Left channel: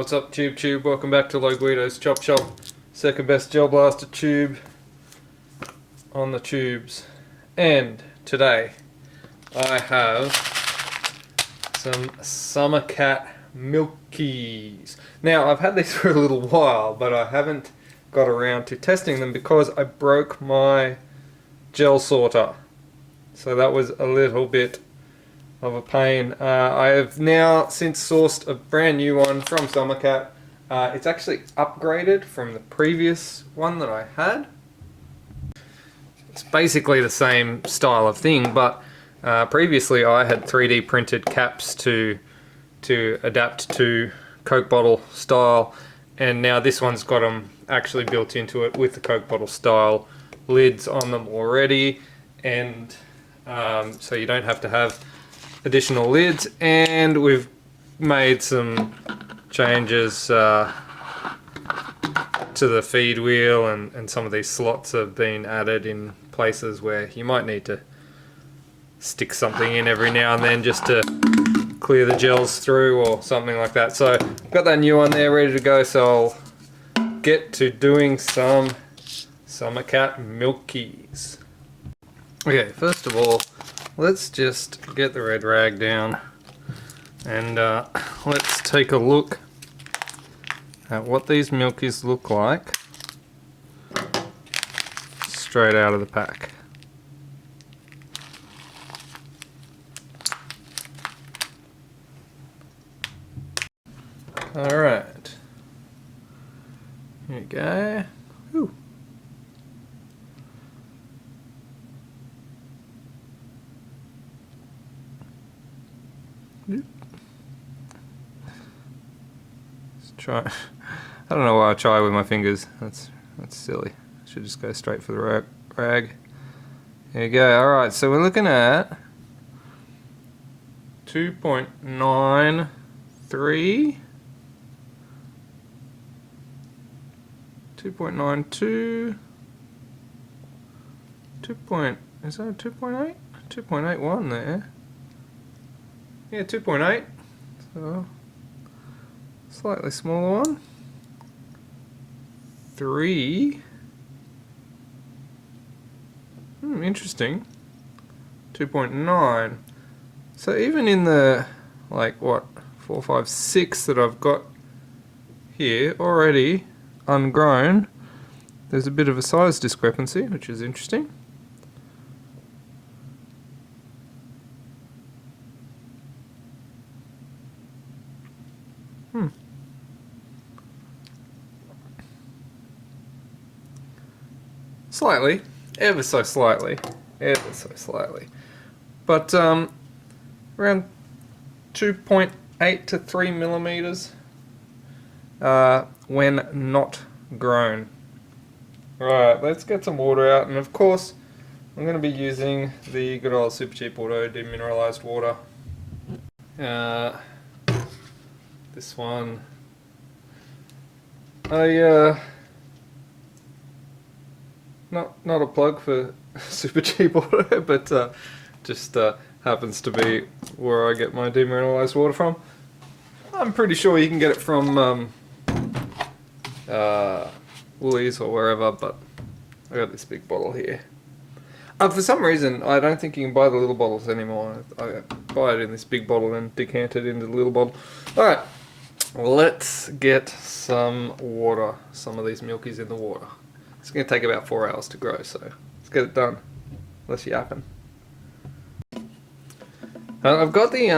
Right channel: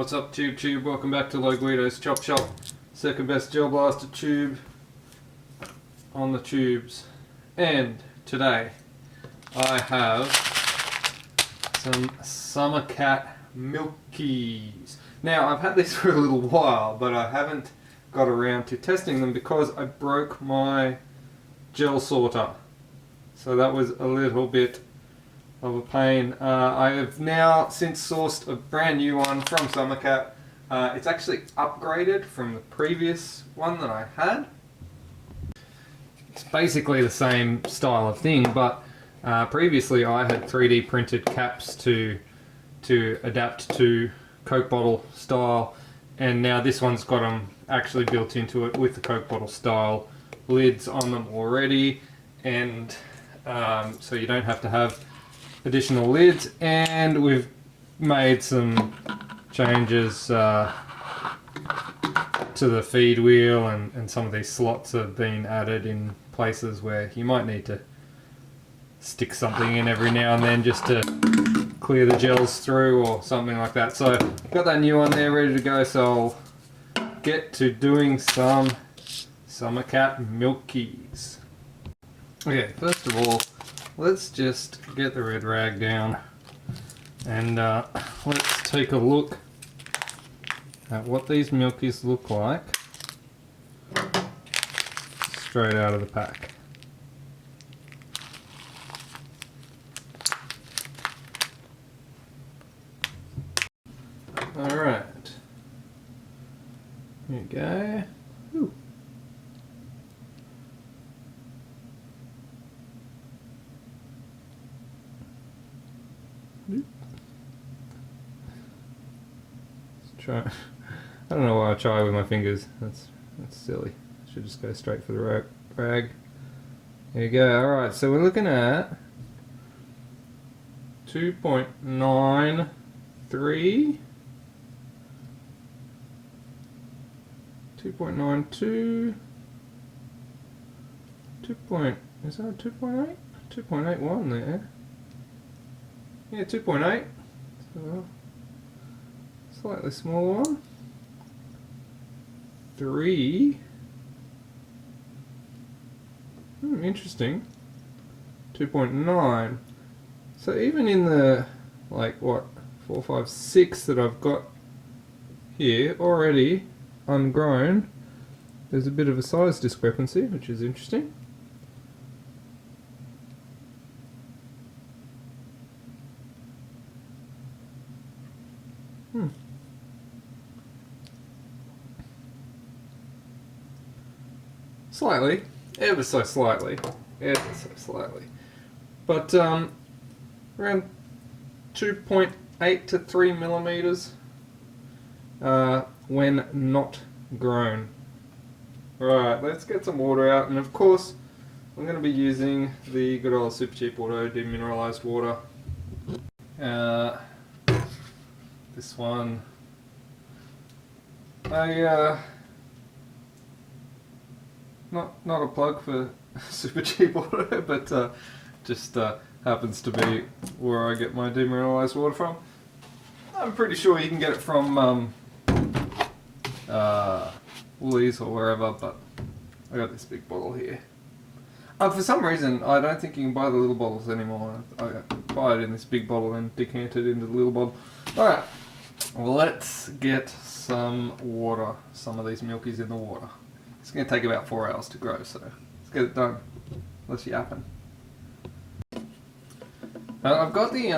What's up, Tube? Welcome back to Low Guido's Chop Shop. Second best gel blaster tube on the tubes. And today I have some Summer Cat Milkies. Now I've had these for a little while, but I haven't got around to testing them because I broke my gel sorter. So that was a little bit of a pain. I have now since sourced a brand new one from Summer Cat. It's actually upgraded from the previous one that I had. It's basically the same style of thing, but previously I had 3D printed caps to adapt to Coke bottle style, and now this one's got them actually built into it with the Coke bottle style lids on them already, and so you don't have to have additional lids. And we've made some changes to the feed wheel, and some of these slots have been added in places where you might need to stick something in every now and then just to clear the gels through or something like that. So I've got that new one there ready to go, so I'll get to doing some Summer Cat Milkies. Okay, first of all, let's just get the red rag down and let's take a look at what these Milkies look like straight out of the pack. Alright, here you go. Ooh. Let's try. I don't know why I try with my fingers. That's silly. I should just go straight for the rag. There you go. Alright, so we're looking at 2.93, 2.92, is that 2.8? 2.81 there. Yeah, 2.8. So slightly smaller one. 3. Interesting. 2.9. So even in the, like, what, 4, 5, 6 that I've got here already ungrown, there's a bit of a size discrepancy, which is interesting. Slightly, ever so slightly, but around 2.8 to 3 millimeters when not grown. Right, let's get some water out, and of course I'm going to be using the good old Super Cheap Auto demineralized water. This one, not a plug for Super Cheap Auto, but just happens to be where I get my demineralized water from. I'm pretty sure you can get it from Woolies or wherever, but I got this big bottle here. For some reason, I don't think you can buy the little bottles anymore. I buy it in this big bottle and decant it into the little bottle. Alright, let's get some water, some of these Milkies in the water. It's going to take about 4 hours to grow, so let's get it done. Less yapping. I've got the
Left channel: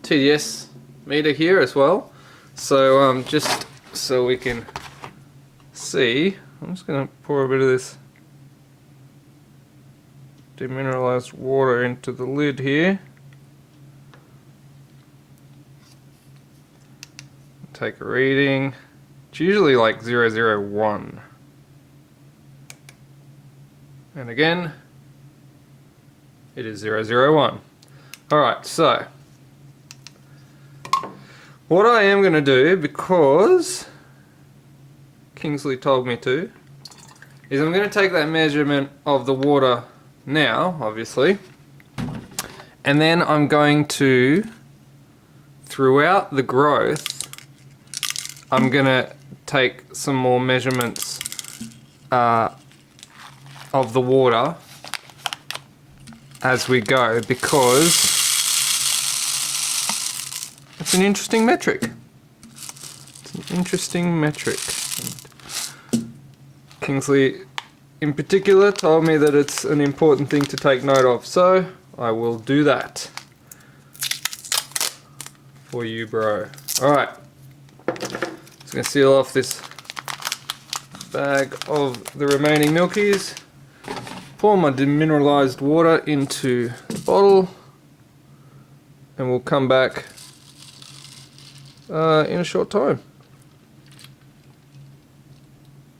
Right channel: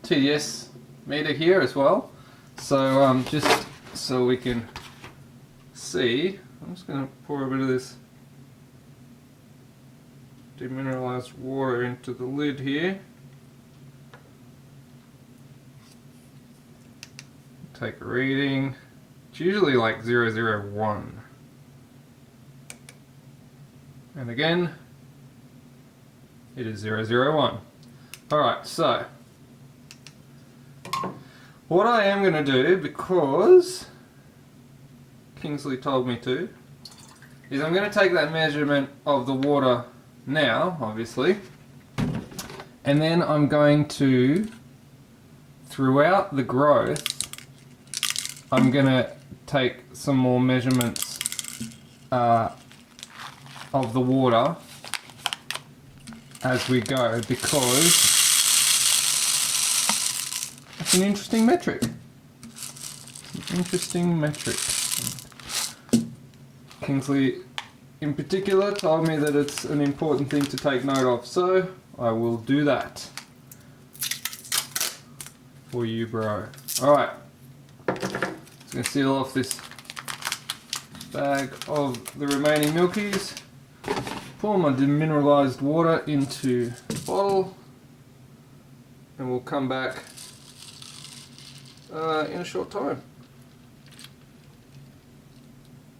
TDS meter here as well, so just so we can see, I'm just going to pour a bit of this demineralized water into the lid here. Take a reading. It's usually like 001. And again, it is 001. Alright, so what I am going to do, because Kingsley told me to, is I'm going to take that measurement of the water now, obviously, and then I'm going to throughout the growth, I'm gonna take some more measurements of the water as we go, because it's an interesting metric. It's an interesting metric. Kingsley in particular told me that it's an important thing to take note of, so I will do that for you, bro. Alright, just going to seal off this bag of the remaining milkies, pour my demineralized water into the bottle, and we'll come back in a short time.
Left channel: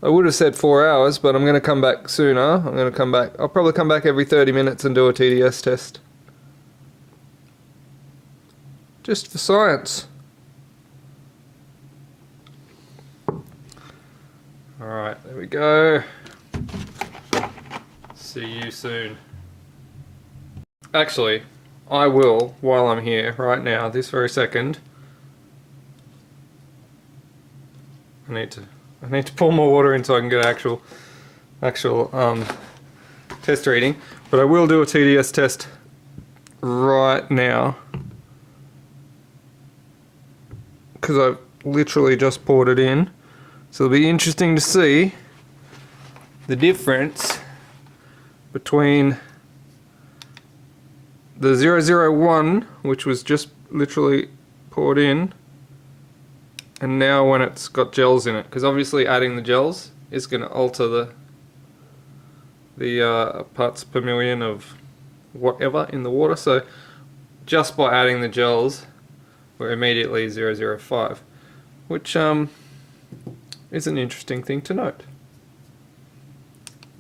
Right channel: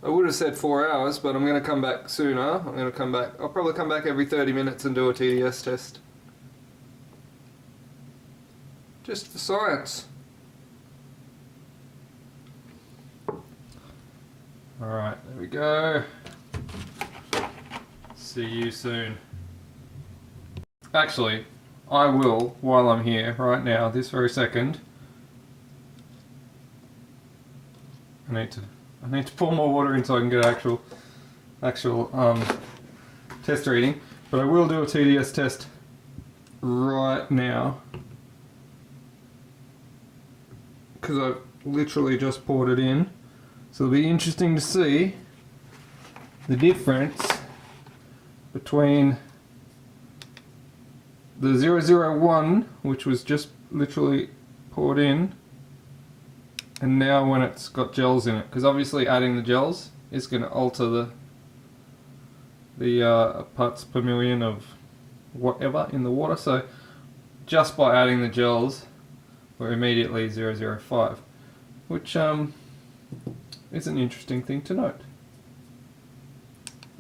I would have said 4 hours, but I'm going to come back sooner. I'll probably come back every 30 minutes and do a TDS test. Just for science. Alright, there we go. See you soon. Actually, I will, while I'm here, right now, this very second. I need to pour more water in so I can get actual test reading. But I will do a TDS test right now, because I've literally just poured it in. So it'll be interesting to see the difference between the 001, which was just literally poured in, and now when it's got gels in it, because obviously adding the gels is going to alter the parts per million of whatever in the water. So just by adding the gels, we're immediately 005, which is an interesting thing to note.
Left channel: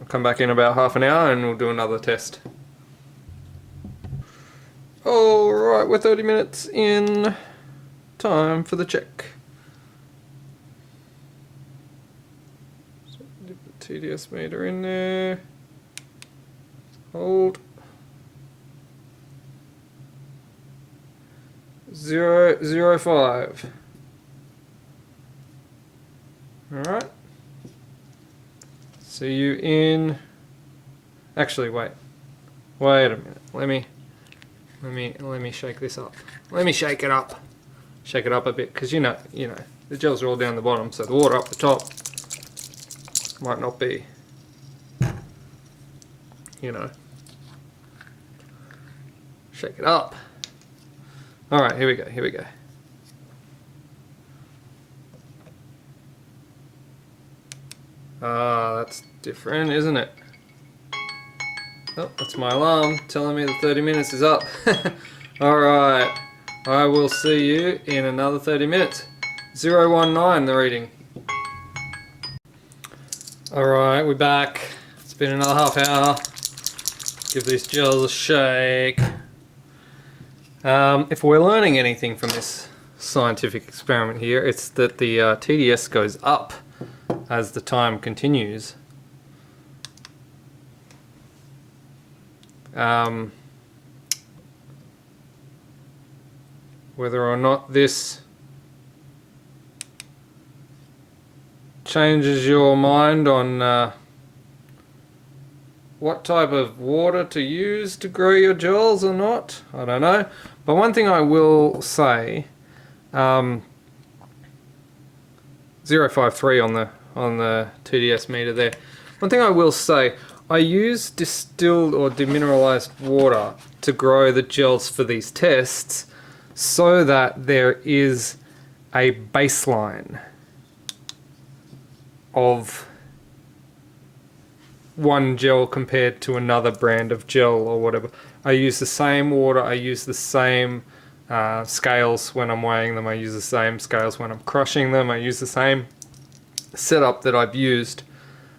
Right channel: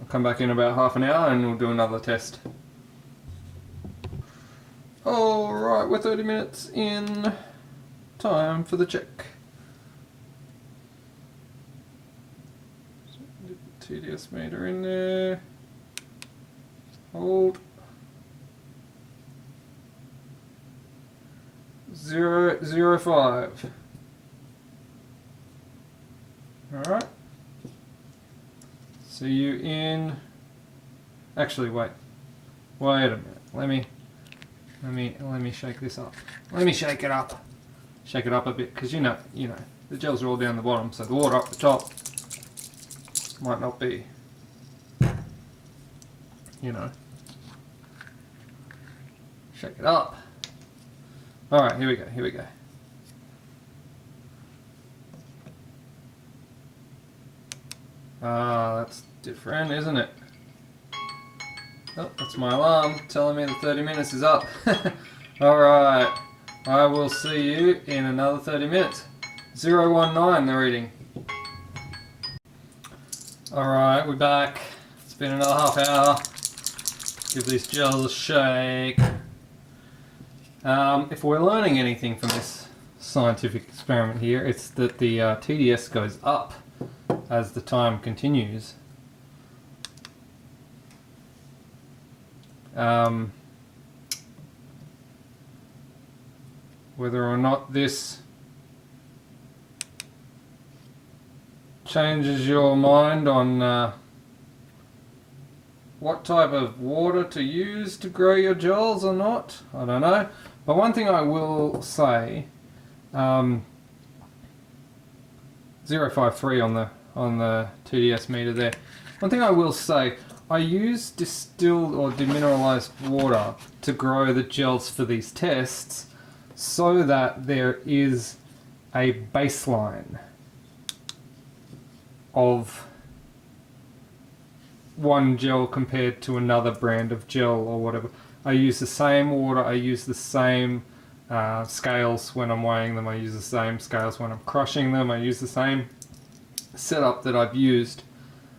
I'll come back in about half an hour and we'll do another test. Alright, we're 30 minutes in. Time for the check. So dip the TDS meter in there. Hold. 005. Alright. See you in... Actually, wait a minute. Let me shake this up. Let me shake it up. Shake it up a bit, because you know, the gels are all down the bottom, so the water up the top might not be, shake it up. Alright, here we go. Ah, that's different, isn't it? Oh, that's my alarm telling me the 30 minutes is up. Alright, I will see you in another 30 minutes. 019 the reading. Alright, we're back. It's been another half hour. Give these gels a shake. If we're learning anything from this scientific experiment here, it's that the TDS goes up as the time continues. Whether or not this changes your mind on what type of water to use to grow your gels or not, I don't know. But one thing I will say, 053 on the TDS meter there. One thing I will say, I use distilled or demineralized water to grow the gels for these tests so that there is a baseline of one gel compared to another brand of gel or whatever. I use the same water, I use the same scales when I'm weighing them, I use the same scales when I'm crushing them, I use the same setup that I've used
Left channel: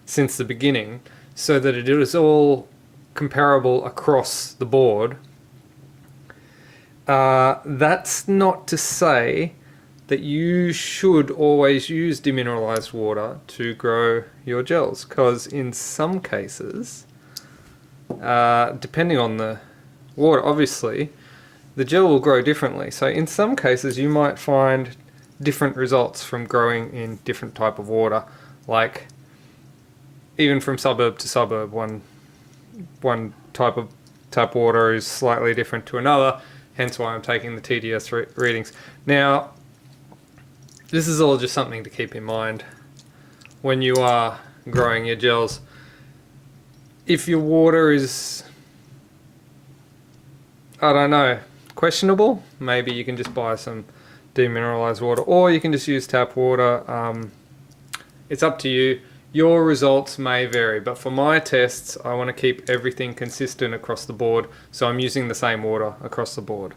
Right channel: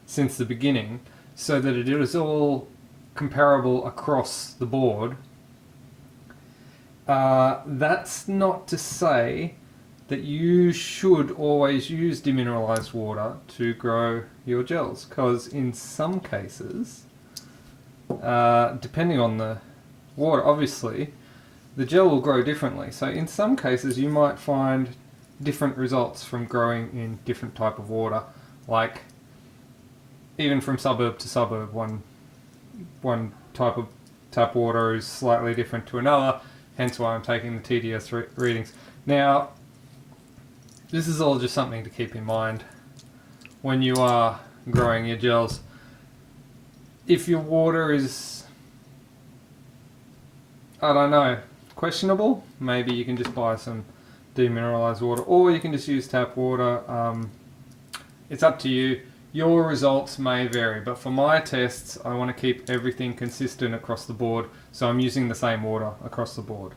since the beginning, so that it is all comparable across the board. That's not to say that you should always use demineralized water to grow your gels, because in some cases, depending on the water, obviously, the gel will grow differently. So in some cases you might find different results from growing in different type of water, like even from suburb to suburb, one type of tap water is slightly different to another, hence why I'm taking the TDS readings. Now, this is all just something to keep in mind when you are growing your gels. If your water is, I don't know, questionable, maybe you can just buy some demineralized water, or you can just use tap water. It's up to you. Your results may vary, but for my tests I want to keep everything consistent across the board, so I'm using the same water across the board.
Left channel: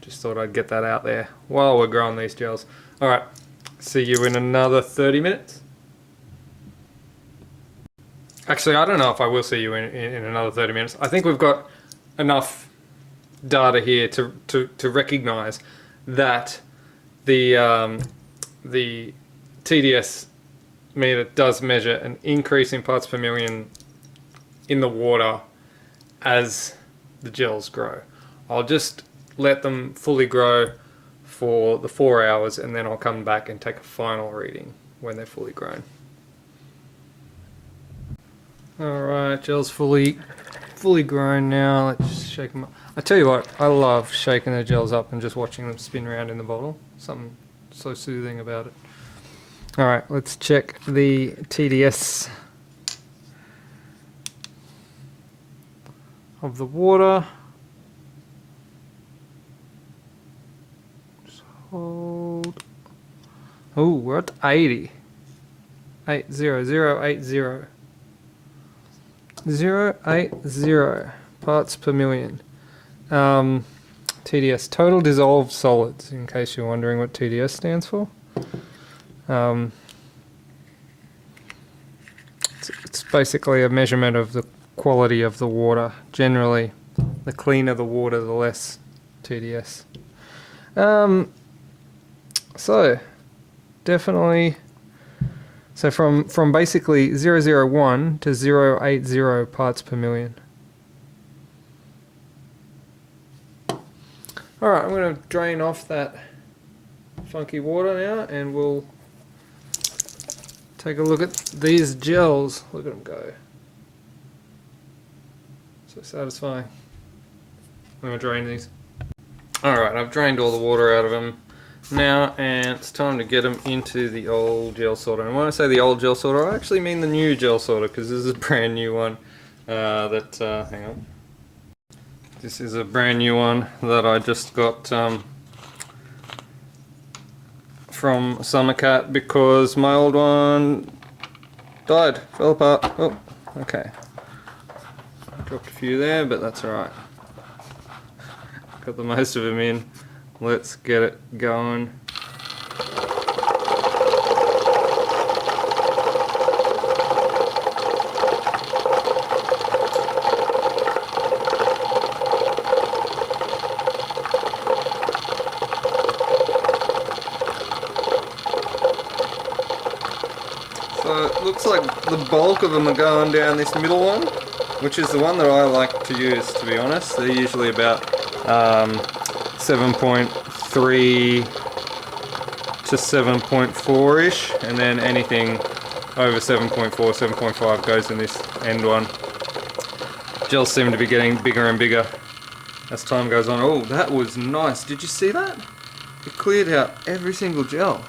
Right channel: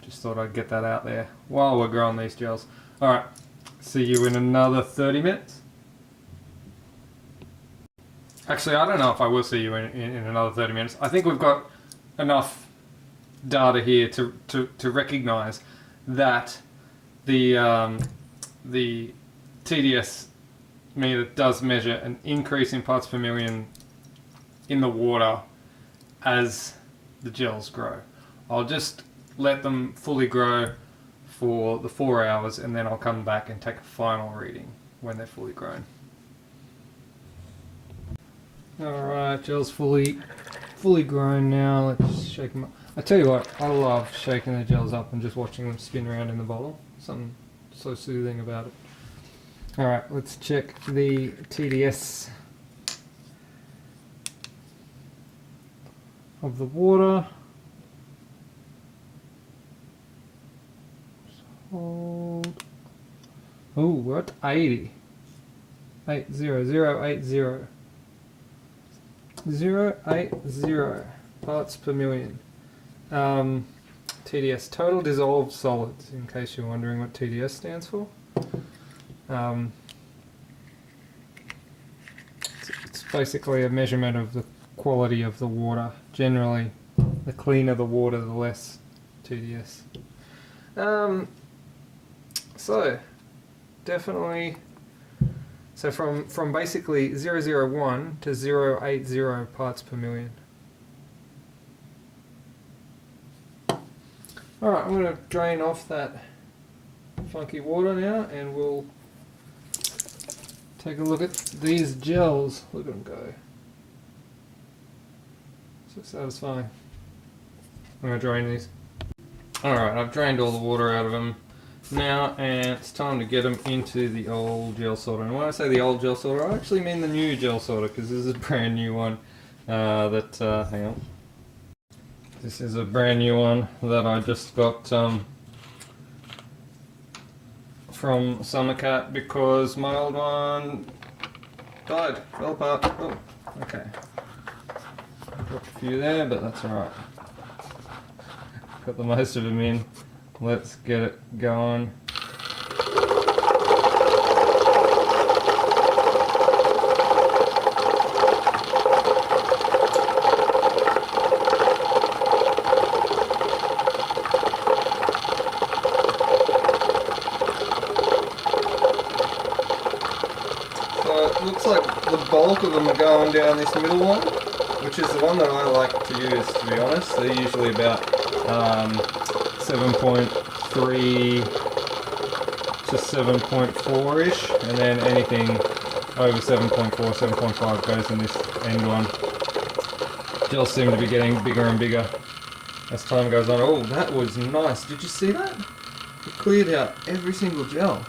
Just thought I'd get that out there while we're growing these gels. Alright, see you in another 30 minutes. Actually, I don't know if I will see you in another 30 minutes. I think we've got enough data here to recognize that the TDS meter does measure an increase in parts per million in the water as the gels grow. I'll just let them fully grow for the 4 hours, and then I'll come back and take a final reading when they're fully grown. Alright, gel's fully grown now. Let's just shake them up. I tell you what, I love shaking the gels up and just watching them spin around in the bottle. Something so soothing about it. Alright, let's check the TDS of the water. Just hold. Oh, we're at 80. 80080. 080 parts per million. TDS, total dissolved solids, in case you're wondering what TDS stands for. It's basically a measurement of the quality of the water. Generally, the cleaner the water, the less TDS. So, definitely, so from basically 001 to 080 parts per million. Alright, I'm going to drain off that funky water now, and we'll take a look at these gels. Look at them go. So satisfying. I'm going to drain these. Alright, I've drained all the water out of them now, and it's time to get them into the old gel sorter. And when I say the old gel sorter, I actually mean the new gel sorter, because this is a brand new one hang on. This is a brand new one that I just got from Summercat, because my old one died, fell apart. Oh, okay. Dropped a few there, but that's alright. Got the most of them in. Let's get it going. Looks like the bulk of them are going down this middle one, which is the one that I like to use, to be honest. They're usually about 7.3 to 7.4-ish, and then anything over 7.4, 7.5 goes in this end one. Gels seem to be getting bigger and bigger as time goes on. Oh, that was nice. Did you see that? It cleared out every single gel.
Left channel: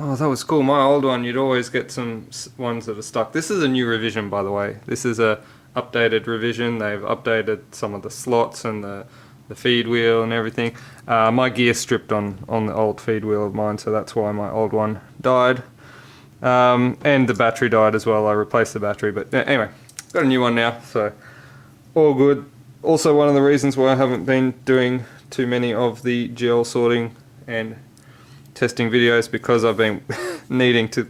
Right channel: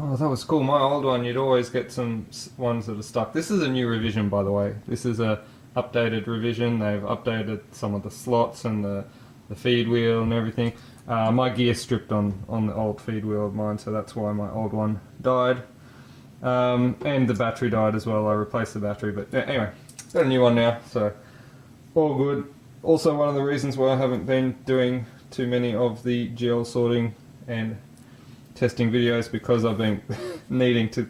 Oh, that was cool. My old one, you'd always get some ones that are stuck. This is a new revision, by the way. This is a updated revision. They've updated some of the slots and the feed wheel and everything. My gear stripped on the old feed wheel of mine, so that's why my old one died. And the battery died as well. I replaced the battery, but anyway, got a new one now, so all good. Also, one of the reasons why I haven't been doing too many of the gel sorting and testing videos, because I've been needing to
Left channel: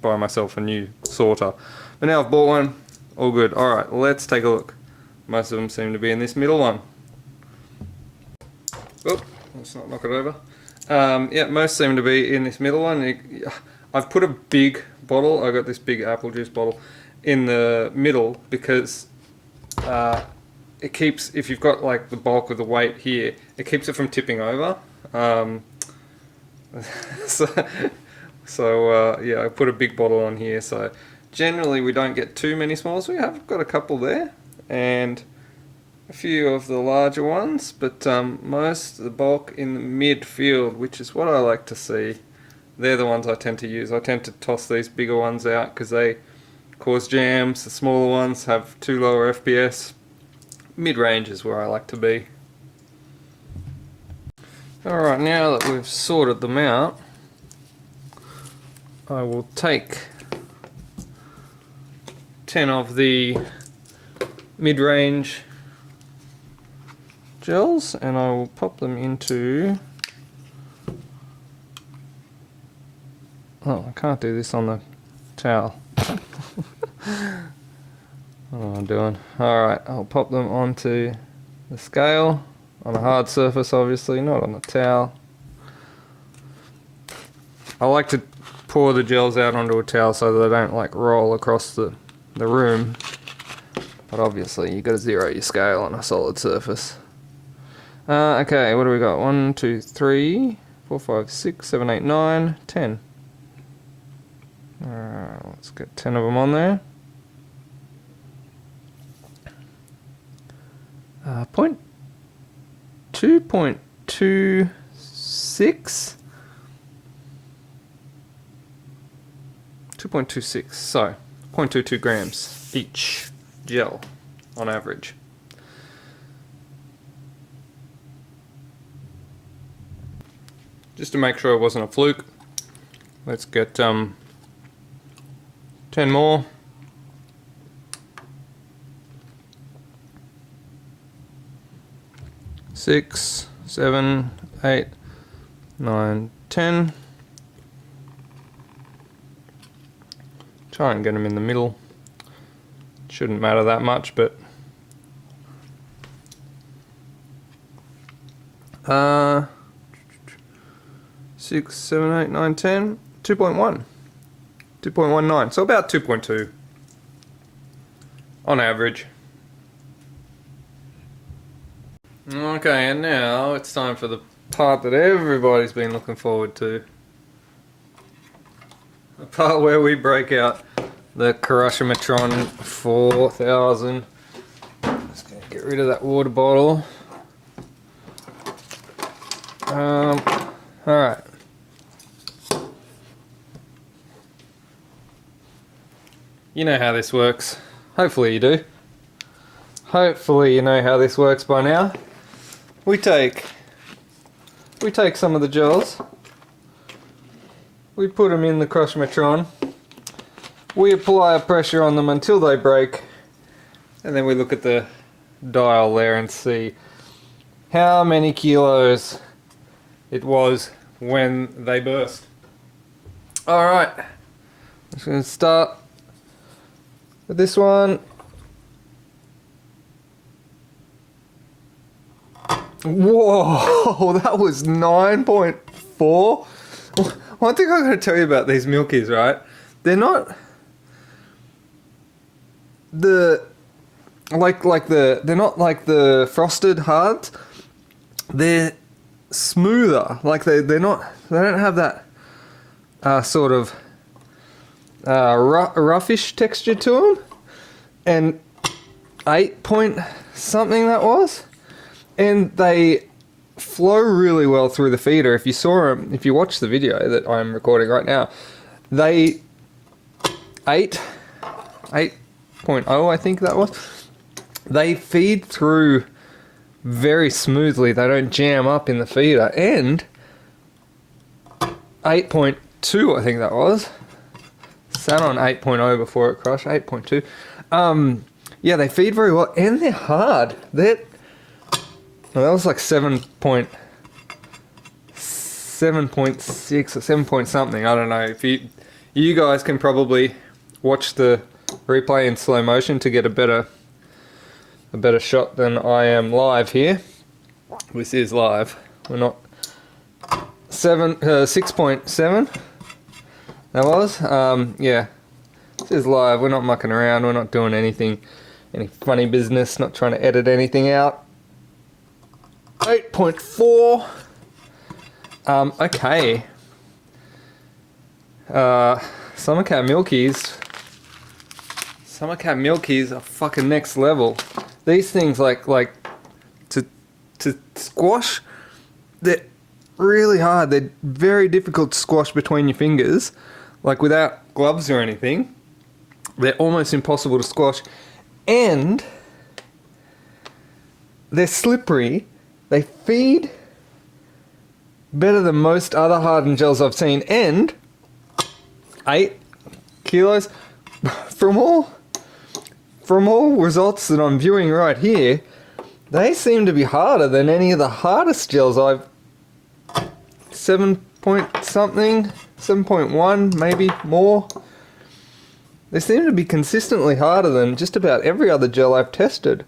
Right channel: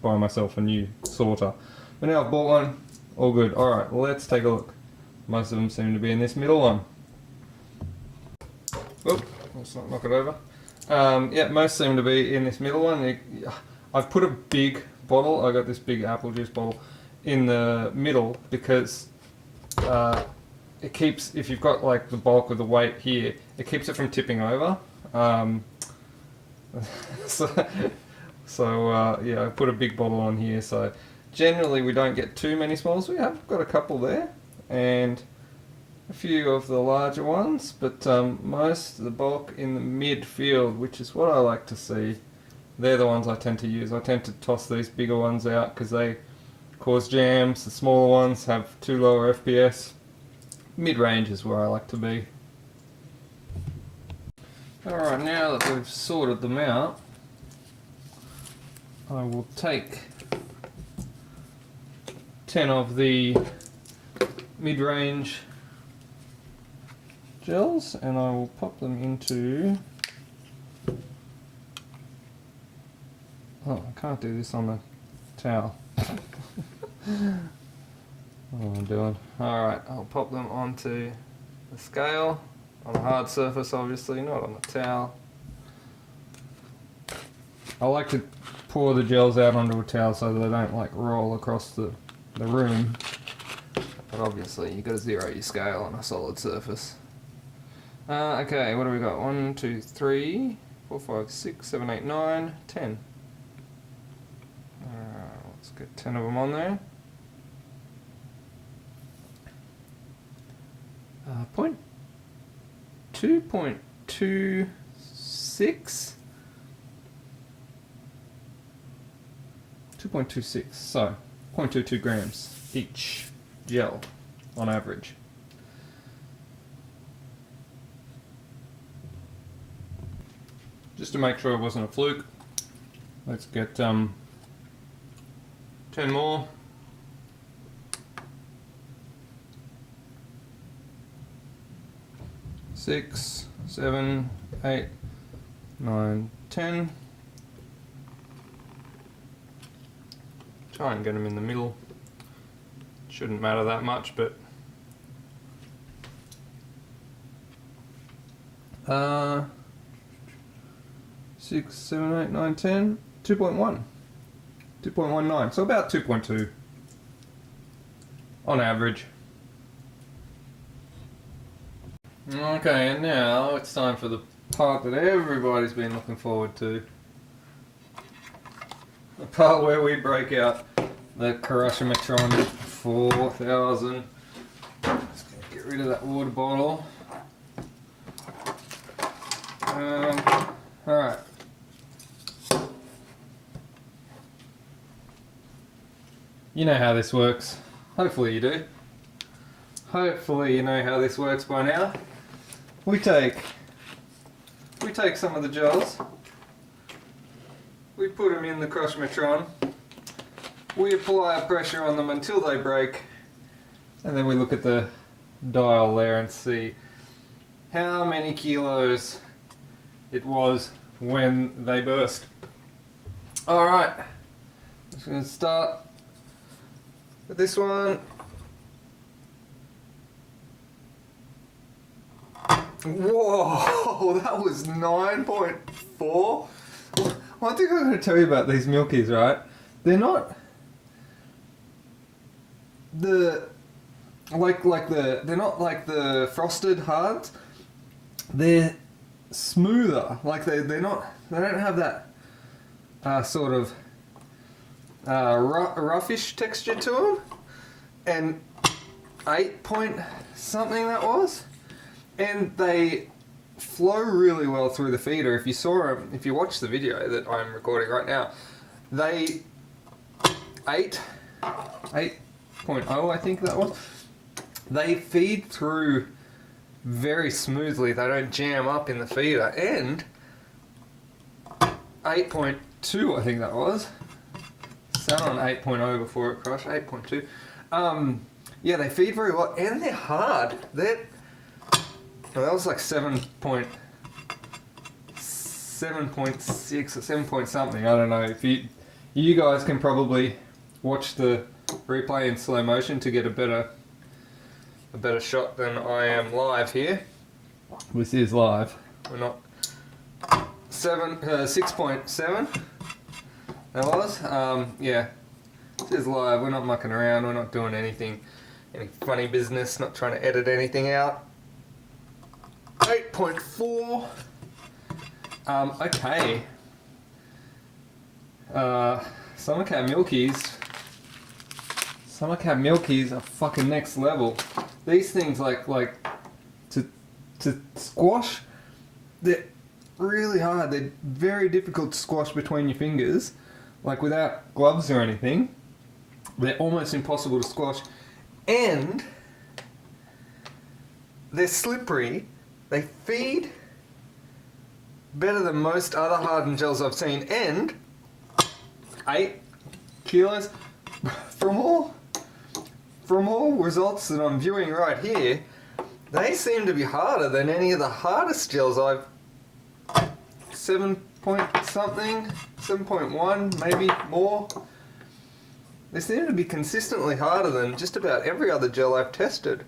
buy myself a new sorter. But now I've bought one, all good. Alright, let's take a look. Most of them seem to be in this middle one. Oop, let's not knock it over. Yeah, most seem to be in this middle one. I've put a big bottle, I got this big apple juice bottle, in the middle because it keeps, if you've got like the bulk of the weight here, it keeps it from tipping over. Yeah, I put a big bottle on here, so generally we don't get too many smalls. We have got a couple there and a few of the larger ones, but most of the bulk in the midfield, which is what I like to see. They're the ones I tend to use. I tend to toss these bigger ones out because they cause jams. The smaller ones have too lower FPS. Mid-range is where I like to be. Alright, now that we've sorted them out, I will take 10 of the mid-range gels and I will pop them into... Oh, I can't do this on the towel. What am I doing? Alright, I'll pop them onto the scale, on a hard surface obviously, not on a towel. I like to pour the gels out onto a towel so they don't like roll across the room, but obviously you've got to zero your scale on a solid surface. Okay, what do we got? 1, 2, 3, 4, 5, 6, 7, 8, 9, 10. Let's get 10 of them on there. Point 2.26. 2.26, so 0.22 grams each gel on average. Just to make sure it wasn't a fluke, let's get 10 more. 6, 7, 8, 9, 10. Try and get them in the middle. Shouldn't matter that much, but 6, 7, 8, 9, 10, 2.1. 2.19, so about 2.2 on average. Okay, and now it's time for the part that everybody's been looking forward to. The part where we break out the Crusher-Metron 4000. Just gonna get rid of that water bottle. Alright. You know how this works. Hopefully you do. Hopefully you know how this works by now. We take some of the gels, we put them in the Crusher-Metron, we apply a pressure on them until they break, and then we look at the dial there and see how many kilos it was when they burst. Alright, I'm just going to start with this one. Whoa, that was 9.4. One thing I'm going to tell you about these milkies, right? They're not they're not like the frosted hards. They're smoother. Like they don't have that sort of roughish texture to them. And 8 point something that was. And they flow really well through the feeder. If you saw them, if you watch the video that I'm recording right now, they 8.0 I think that was. They feed through very smoothly. They don't jam up in the feeder. And 8.2 I think that was. Sat on 8.0 before it crushed. 8.2. Yeah, they feed very well and they're hard. Well, that was like 7.6 or 7 point something. I don't know. If you guys can probably watch the replay in slow motion to get a better shot than I am live here. This is live. We're not 6.7. That was yeah. This is live. We're not mucking around. We're not doing anything any funny business, not trying to edit anything out. 8.4. Okay. Summer Cat Milkies. Summer Cat Milkies are fucking next level. These things like to squash, they're really hard. They're very difficult to squash between your fingers, like without gloves or anything. They're almost impossible to squash, and they're slippery. They feed better than most other hardened gels I've seen, and 8 kilos from all results that I'm viewing right here. They seem to be harder than any of the hardest gels I've... 7 point something, 7.1, maybe more. They seem to be consistently harder than just about every other gel I've tested.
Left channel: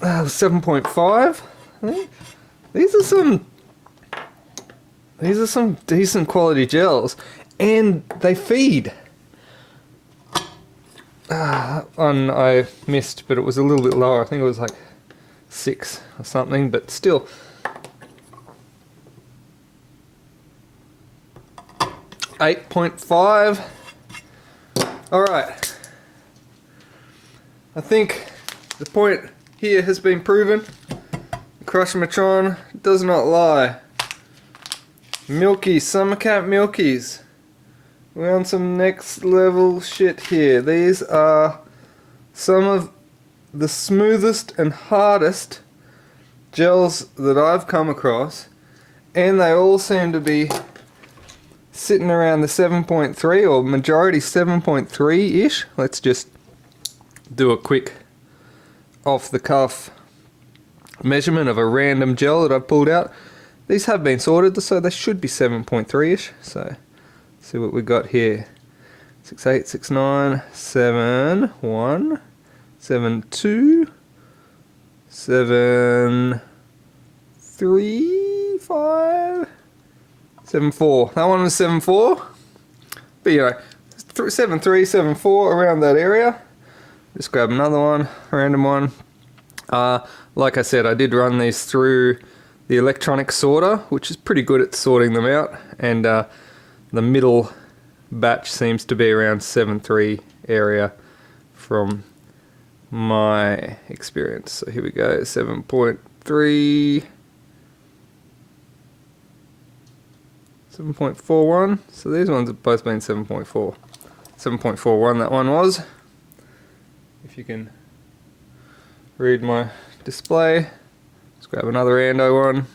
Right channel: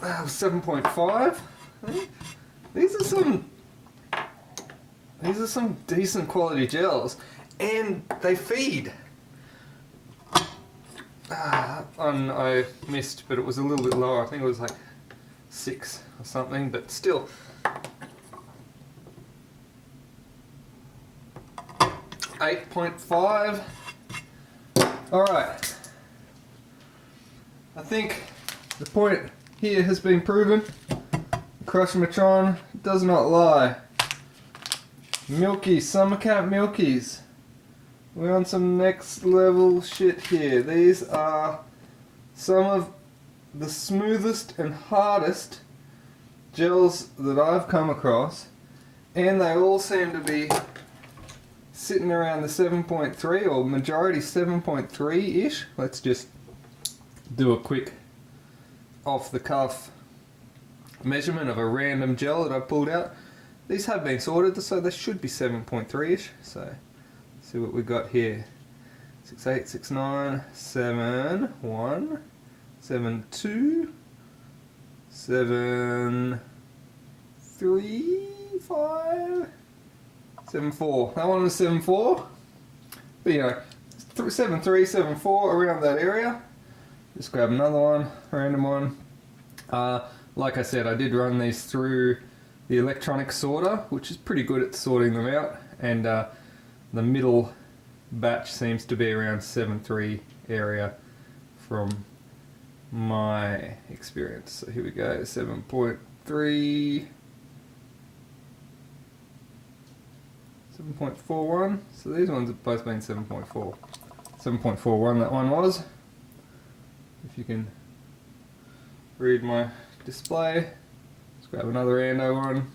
7.5, I think. These are some decent quality gels, and they feed. That one I missed, but it was a little bit lower. I think it was like 6 or something, but still. 8.5. Alright. I think the point here has been proven. Crushmatron does not lie. Milky, Summer Cat Milkies. We're on some next level shit here. These are some of the smoothest and hardest gels that I've come across, and they all seem to be sitting around the 7.3 or majority 7.3-ish. Let's just do a quick off the cuff measurement of a random gel that I've pulled out. These have been sorted, so they should be 7.3-ish. So see what we got here. 6.8, 6.9, 7.1, 7.2, 7.3, 7.4. That one was 7.4. But anyway, 7.3, 7.4, around that area. Just grab another one, random one. Like I said, I did run these through the electronic sorter, which is pretty good at sorting them out, and the middle batch seems to be around 7.3 area from my experience. So here we go, 7.3, 7.41. So these ones have both been 7.4. 7.41 that one was. If you can read my display. Let's grab another rando one.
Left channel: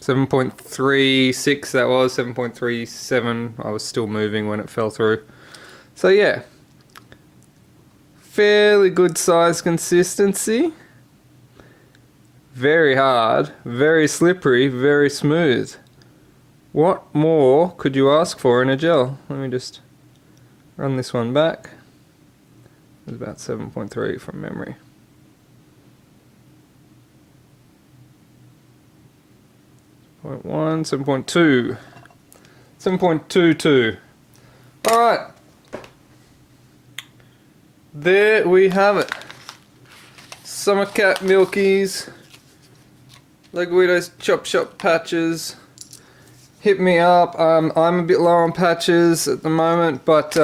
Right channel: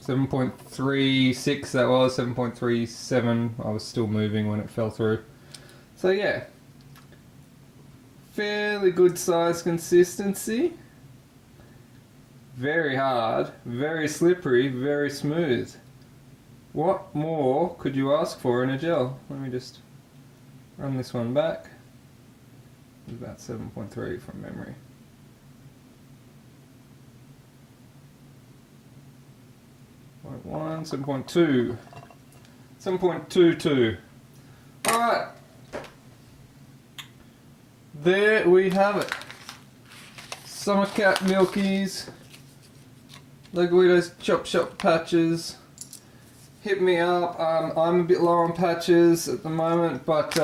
.36 that was, 7.37. I was still moving when it fell through. So yeah, fairly good size consistency. Very hard, very slippery, very smooth. What more could you ask for in a gel? Let me just run this one back. It was about 7.3 from memory. 7.1, 7.2, 7.22. Alright, there we have it. Summer Cat Milkies, Guido's Chop Shop patches. Hit me up. I'm a bit low on patches at the moment, but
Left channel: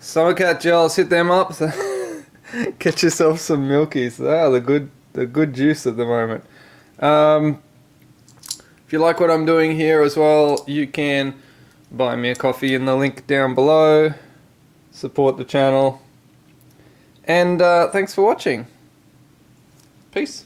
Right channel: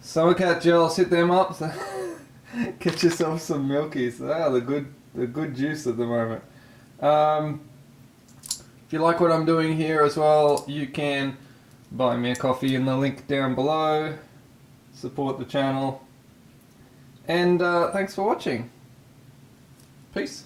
Summer Cat gels, hit them up. Get yourself some Milkies. They are the good juice at the moment. If you like what I'm doing here as well, you can buy me a coffee in the link down below. Support the channel. And thanks for watching. Peace.